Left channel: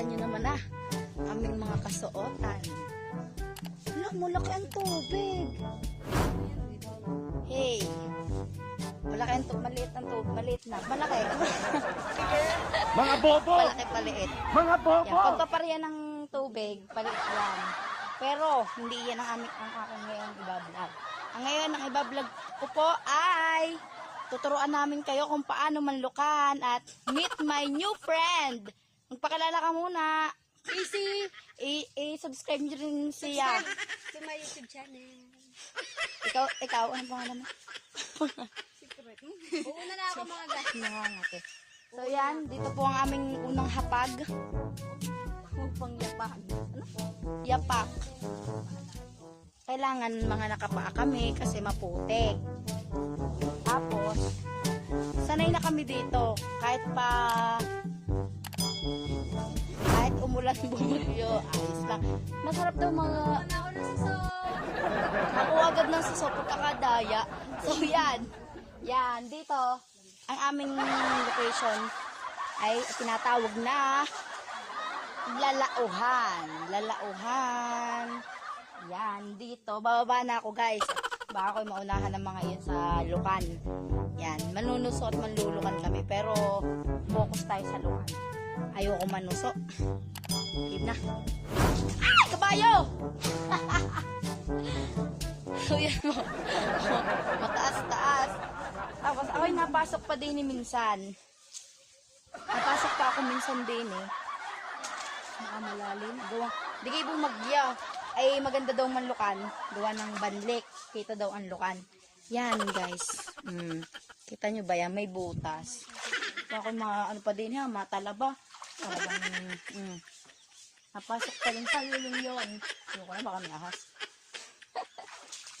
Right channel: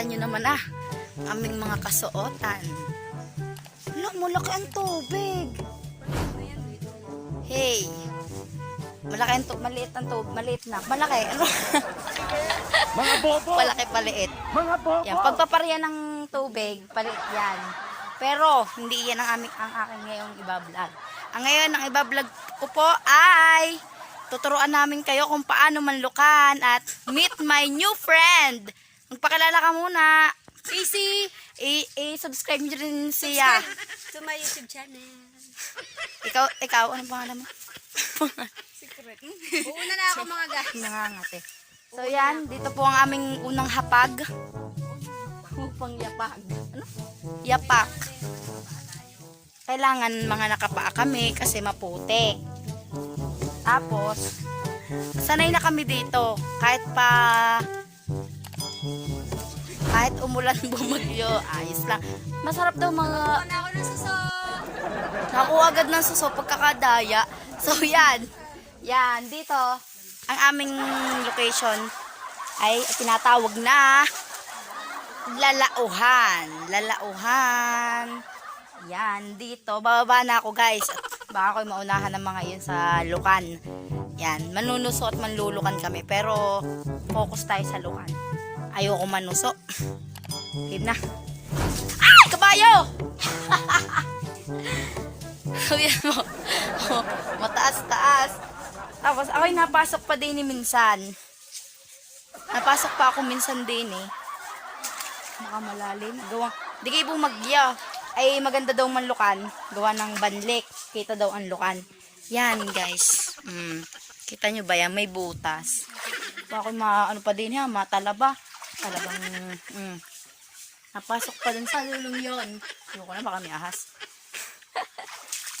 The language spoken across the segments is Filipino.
Kita nyo naman aming mga kasuotan. Wala, malaki ang tubig. Hey, malaki ang tubig, maliit ang tubig, maliit na, malaki. Mga bobo! Malaki paliit. Mga bobo! Yan, pagpaparya ng tubig, paliit yan. Pero, hindi yan ang aking ngayong ibablog. Ang ngayon, ang ibablog ko po ay tuturuan namin kayo kung paano manlukan at meet my new friend. Magpakilala ka muna. Easy! I-subscribe nyo rin siya. To my YouTube channel. Ikaw, ano pangalan mo? Secret. Uuna na ako mga guys. Nangangate. So yan, dito po ang aming unang hapag. Upang yapag. Ano? Yapak. Kailangan mga nakapaa kami kasi maputi. Tapos, sanay na kami dito. Kahit umulan bumagyo, ayos lang. Masarap daw mga Uuna ako ng suso. ako agad ng suso pagkakadaya. So yan. Yan, dito ang aming location ay tinatawag na Lalauhan. Lalauhan. Yan, dito. Bababa na ako guys. Baka ako'y maunahan ng mga yan sa lukan. Yan, manunuso at manlulukan kami. Pero focus tayo sa lukan. Ayoko manuso. Hib na. Ay! Kabayo! Yan mo. Mataas-taas. Tapos ako'y napasok pa din minsan. Napasok pa ako minsan din Nakamalalim. Di kayo bumagya. Ay maganda daw manlukan. Gawa ng banlik. Kita daw ang lukan. Yan guys. Kita nyo ba yan? May butas. Ako ano pa din matalaba. Talagang napasok pa din sa lulong yun. Ano ko na baka may ahas.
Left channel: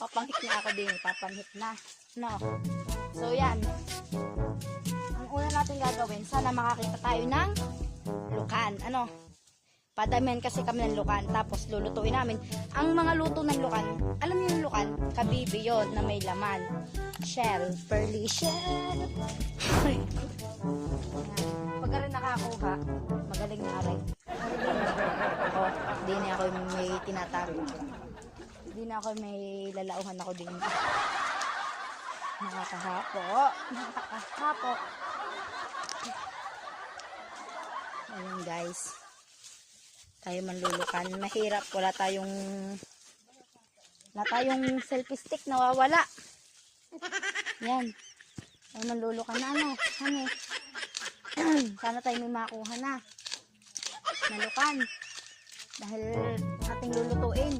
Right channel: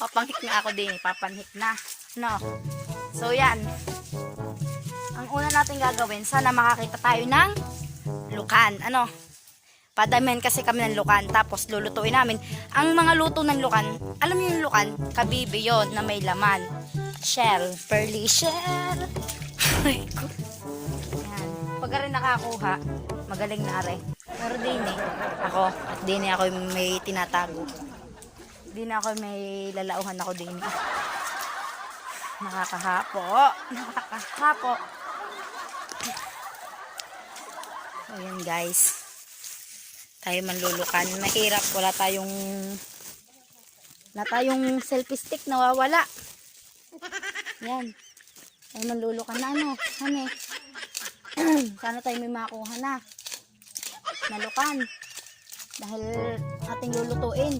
Papanghik na ako din. Papanghik na. No. So yan. Ang una natin gagawin, sana makakita tayo ng lukan. Ano? Padamihan kasi kami ng lukan. Tapos lulutuin namin. Ang mga luto ng lukan, alam niyo yung lukan? Kabibi yon na may laman. Shell. Pearly shell. Ay ko. Pag rin nakakuha, magaling na aray. Dini ako yung may tinatago. Dini ako may lalauhan ako din. Nakakahapo. Nakakahapo. Ayan guys. Tayo manlulukan. Mahirap. Wala tayong selfie stick. Nawawala. Yan. Tayo manlulukan na Hani. Sana tayo may makuha na. Nalukan. Dahil ating lulutuin.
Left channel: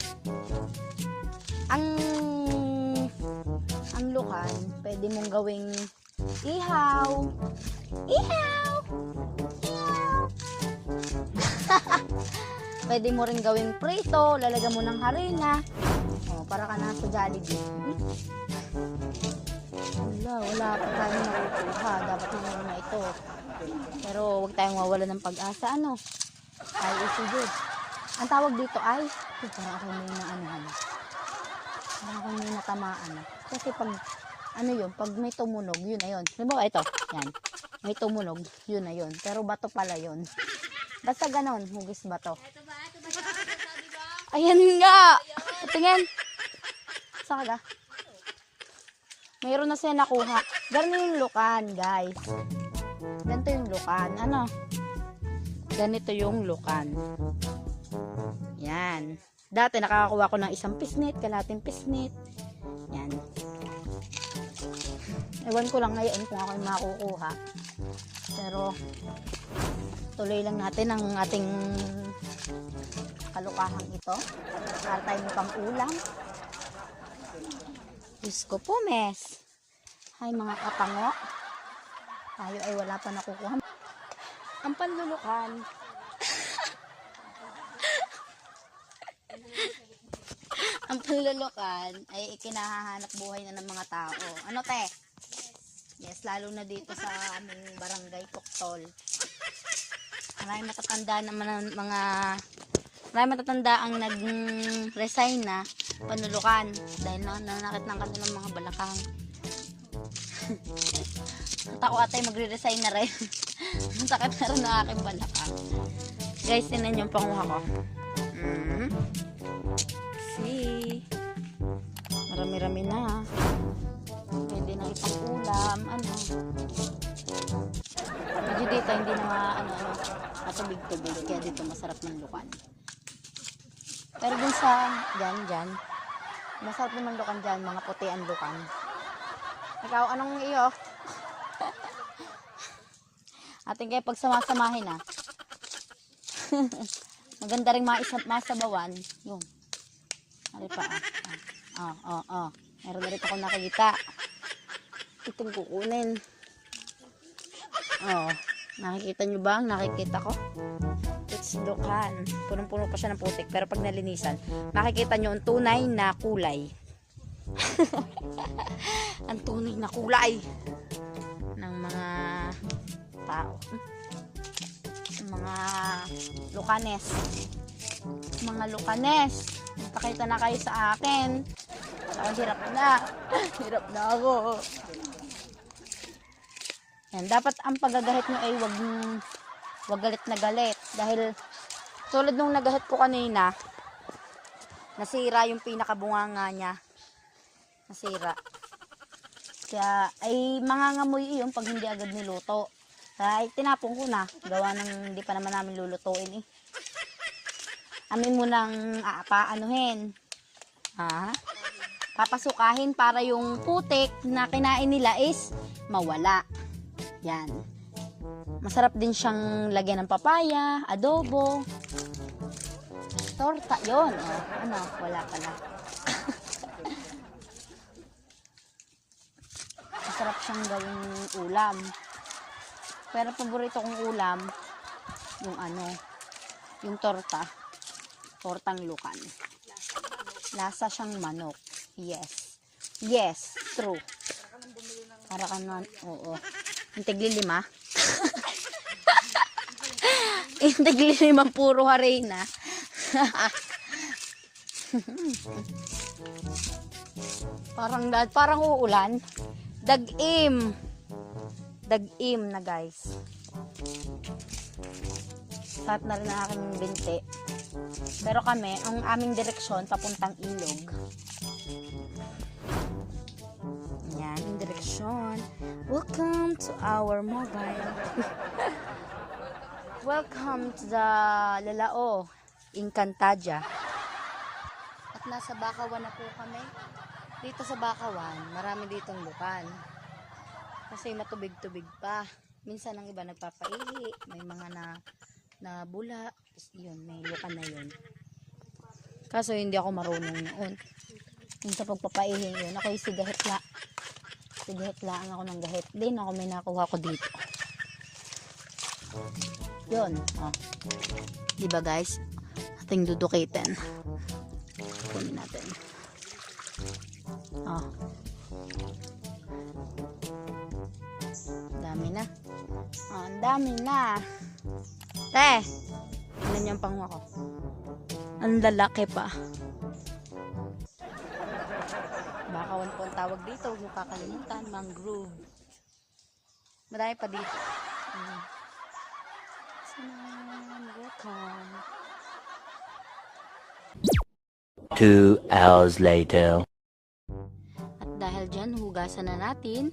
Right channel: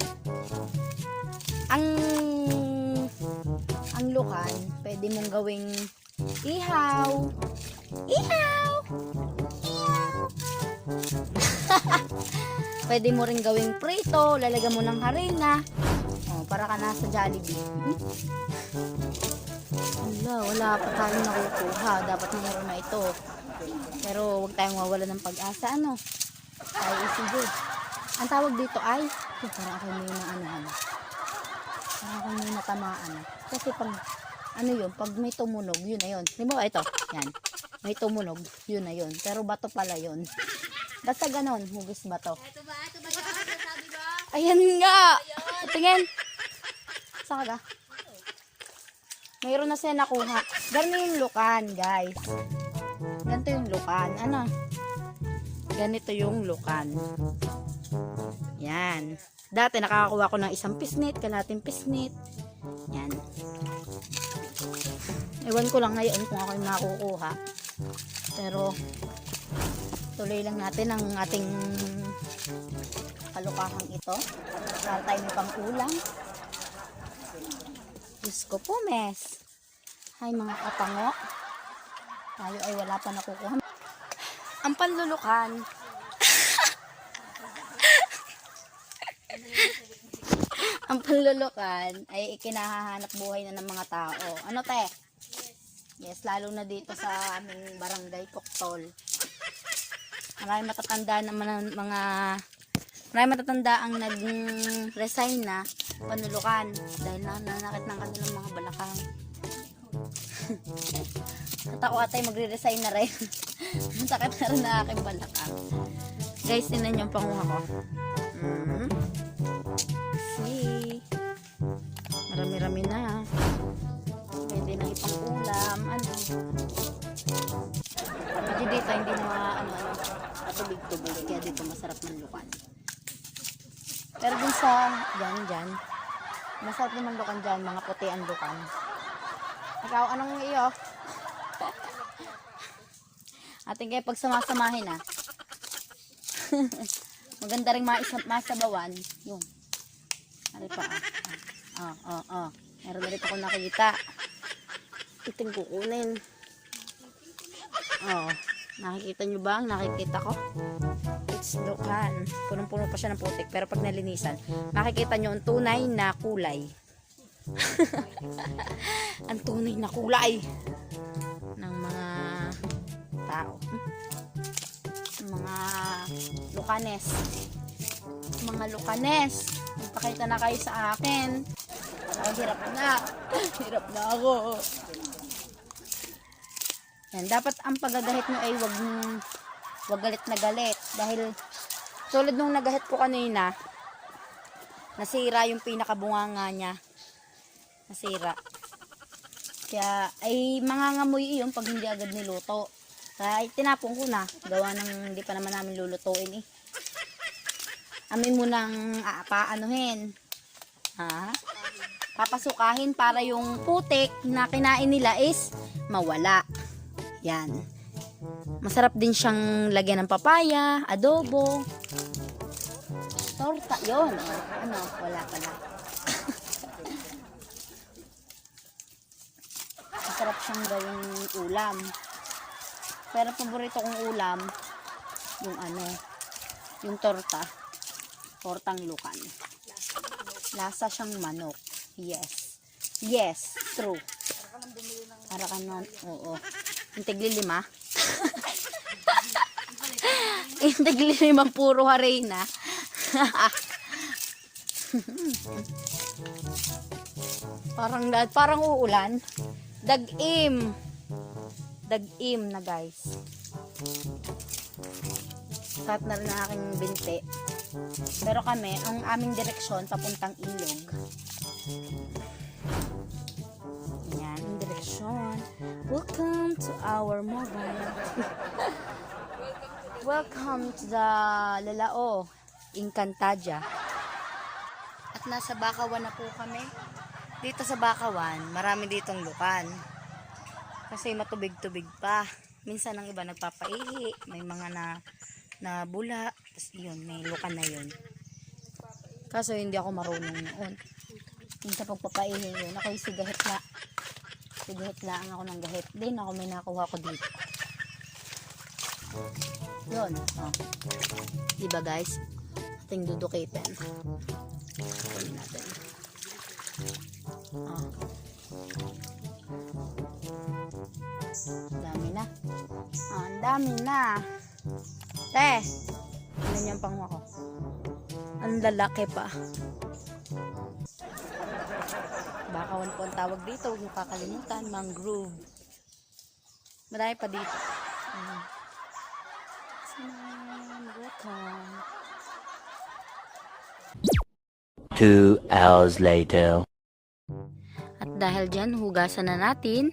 Ang lukan, pwede mong gawing ihaw. Ihaw! Ihaw! Pwede mo rin gawing prito. Lalagyan mo ng harina. Para ka nasa Jollibee. Wala pa tayo nakukuha. Dapat naman na ito. Pero huwag tayong mawala ng pag-asa. Ay, sige. Ang tawag dito ay para ako may natamaan. Kasi pag pag may tumunog, yun na yun. Diba ito? Yan. May tumunog, yun na yun. Pero bato pala yun. Basta ganon, hugis bato. Ito ba? Sabi ba? Ayan nga! Tingin! Saan ka? Mayroon na siya nakuha. Ganito yung lukan, guys. Ganito yung lukan. Ganito yung lukan. Yan. Dati nakakakuha ko ng isang pisnit, kalating pisnit. Yan. Ewan ko lang ngayon kung ako yung makukuha. Pero tuloy lang natin ang ating kalukahang ito. Para tayo mukhang kulang. Diyos ko po, mes. Hay mga kapango. Tayo ay wala pa nakukuha. Ang panlulukan. Ang panlulukan ay ikinahahanap buhay na ng mga tao. Ano te? Yes, lalo na dito sa aming barangay Koktol. Marami matatanda naman marami matatanda ang nag-resign na panlulukan dahil nanakit lang kasi ng mga balakang. At ako atay magre-resign na rin. Ang sakit na rin na aking balakang. Guys, tinan yung panguha ko. See? Marami-rami na. Pwede na itang ulam. Ano? Pwede dito hindi matubig-tubig. Kaya dito masarap ng lukan. Pero dun sa dyan. Masarap naman lukan dyan. Mga puti ang lukan. Ikaw, anong iyo? Ating kayo pagsamasamahin ah. Maganda rin masabawan. Yung. Ano pa ah. Meron na rin ako nakita. Iting kukunin. Nakikita nyo ba? Nakikita ko. It's lukan. Punong-puno pa siya ng putik. Pero pag nalinisan, makikita nyo ang tunay na kulay. Ang tunay na kulay ng mga tao. Mga lukanes. Mga lukanes. Pakita na kayo sa akin. Hirap na. Hirap na ako. Yan, dapat ang pagagahit mo ay wag galit na galit. Dahil tulad nung nagahit ko kanina, nasira yung pinakabunganga niya. Nasira. Kaya ay mangangamoy iyon pag hindi agad niluto. Kaya tinapon ko na. Gawa ng hindi pa naman namin lulutuin eh. Amin munang paanuhin. Papasukahin para yung putik na kinain nila is mawala. Yan. Masarap din siyang lagyan ng papaya, adobo, torta. Yun. Ano? Wala pa na. Masarap siyang gawing ulam. Pero paborito kong ulam, yung torta. Tortang lukan. Lasa siyang manok. Yes. Yes, true. Para ka na, oo. Yung tigli-lima. Yung tigli-lima puro harina. Parang uulan. Dag-im na guys. Sat na rin na aking binti. Pero kami, ang aming direksyon papuntang ilog. Yan, yung direksyon. Welcome to our mobile. Welcome to the Lalao, Encantadia. At nasa Bakawan na po kami. Dito sa Bakawan, marami ditong lukan. Kasi matubig-tubig pa. Minsan ang iba nagpapaihi, may mga na bula, tapos yun, may lukan na yun. Kaso hindi ako marunong noon. Yung sa pagpapaihi yun, ako yung sigahit lang ako ng gahit. Din ako may nakuha ko dito. Yun. Diba guys? Ating dudukitin. Kunin natin. Dami na. Ang dami na. Ano yung pangwa ko? Ang lalaki pa. Bakawan po ang tawag dito. Huwag kakalimutan. Mangrove. Marami pa dito. Welcome. 2 hours later. At dahil dyan, hugasan na natin.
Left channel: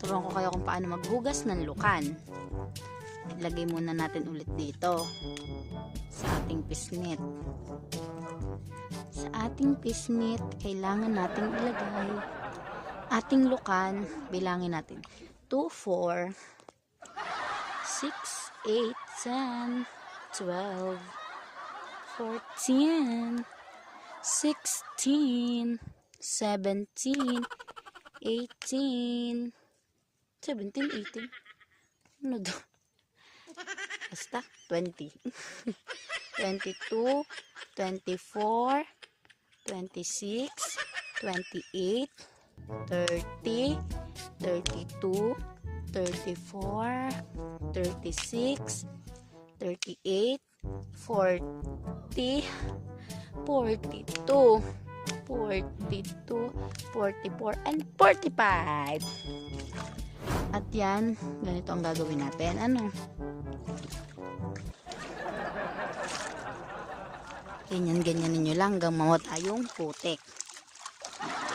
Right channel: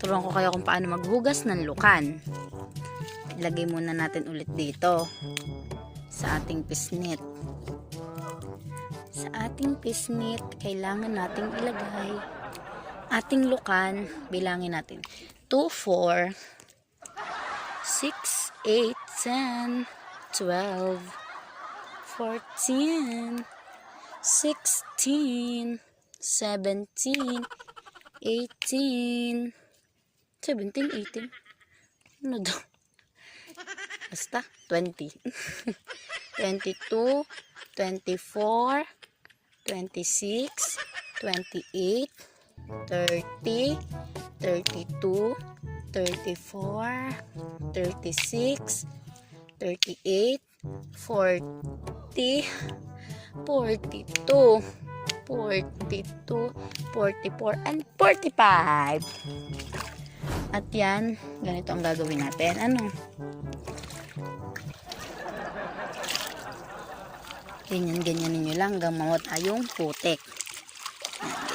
Turuan ko kayo kung paano maghugas ng lukan. Ilagay muna natin ulit dito sa ating pisnit. Sa ating pisnit, kailangan natin ilagay ating lukan. Bilangin natin. 2, 4, 6, 8, 10, 12, 14, 16, 17, 18, 18. Ano daw? Basta, 20. 22, 24, 26, 28, 30, 32, 34, 36, 38, 40, 42, 42, 44, and 45. At yan, ganito ang gagawin natin. Ano? Ganyan-ganyan ninyo lang hanggang mawala yung putik.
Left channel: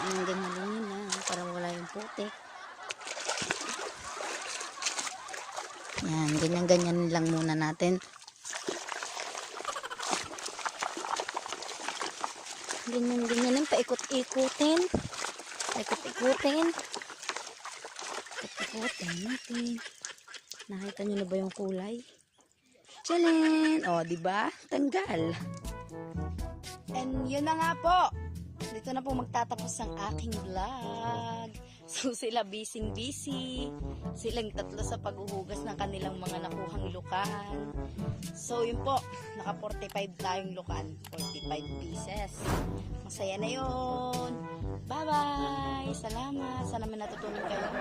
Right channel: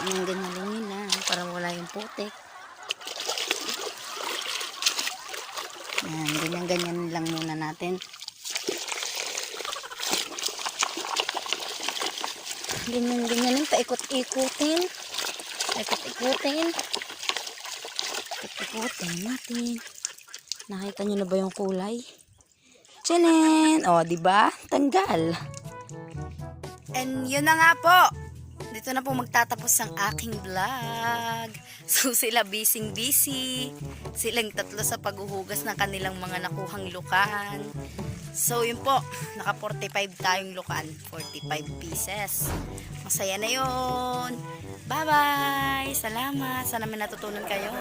Ganyan-ganyan lang para wala yung putik. Yan, ganyan-ganyan lang muna natin. Ganyan-ganyan lang, paikot-ikutin. Paikot-ikutin. Paikot-ikutin natin. Nakita nyo na ba yung kulay? Tchalan! O, diba? Tanggal. And yun na nga po. Dito na po magtatapos ang aking vlog. So sila busy. Silang tatlo sa paghuhugas ng kanilang mga nakuhang lukan. So yun po, naka 45 tayong lukan. 45 pieces. Masaya na yun. Bye-bye! Salamat! Sana may natutunan kayo.